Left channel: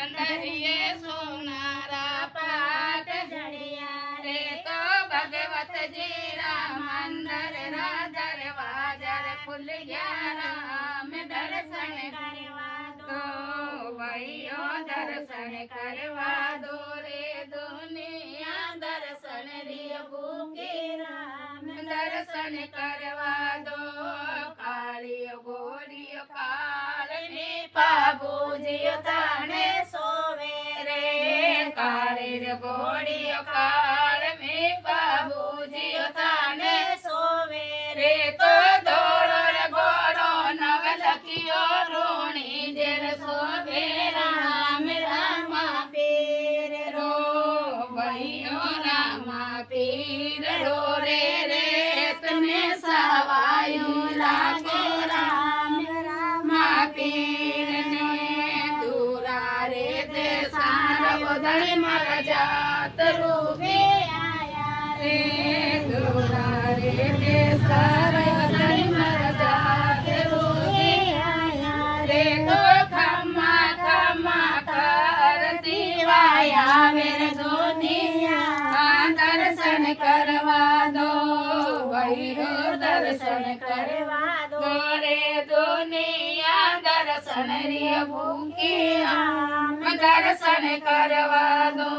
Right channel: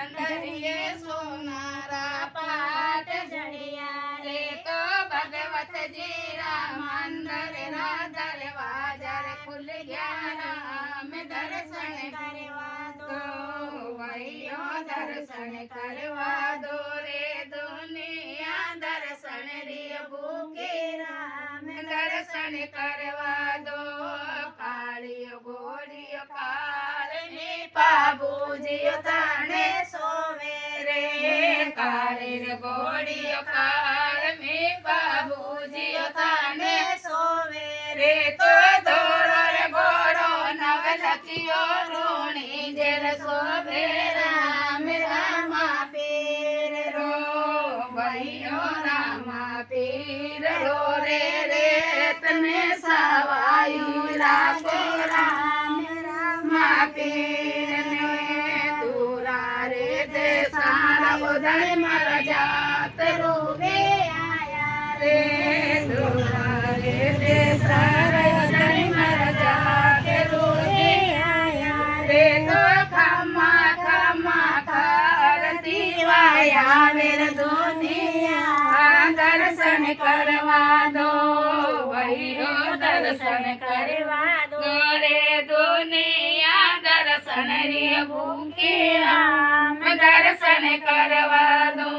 पंडरिये सोनारा पाट जड़िया रे तो भगवत जी राम मंदिर रा दरवाजा रे खुल गया राम दर्शन करवा दो भैया दर्शन करवा दो रे दुनिया दर्शन रे भूखे राम दर्शन करवा दो काली गोरी काल में बाबूजी ताने सोवे रे काली गोरी काल में बाबूजी ताने सोवे रे तो दौड़ो रे गोरो नवलखियो रोणी जेर सोवे राम रामा पीर रो भैयो रामा पीर रो रे रे तने सवायु लागे राम रामा पीर ने दूरा रे दे सारा उदय मर जात रूबे आया रे दूरा रे दे सारा उदय मर जात रूबे आया रे तो खमा खमा करती वाया मेर दुनिया दर्शन करवा दो भैरो दर्शन करवा दो रे दुनिया दर्शन रे भूखे राम दर्शन करवा दो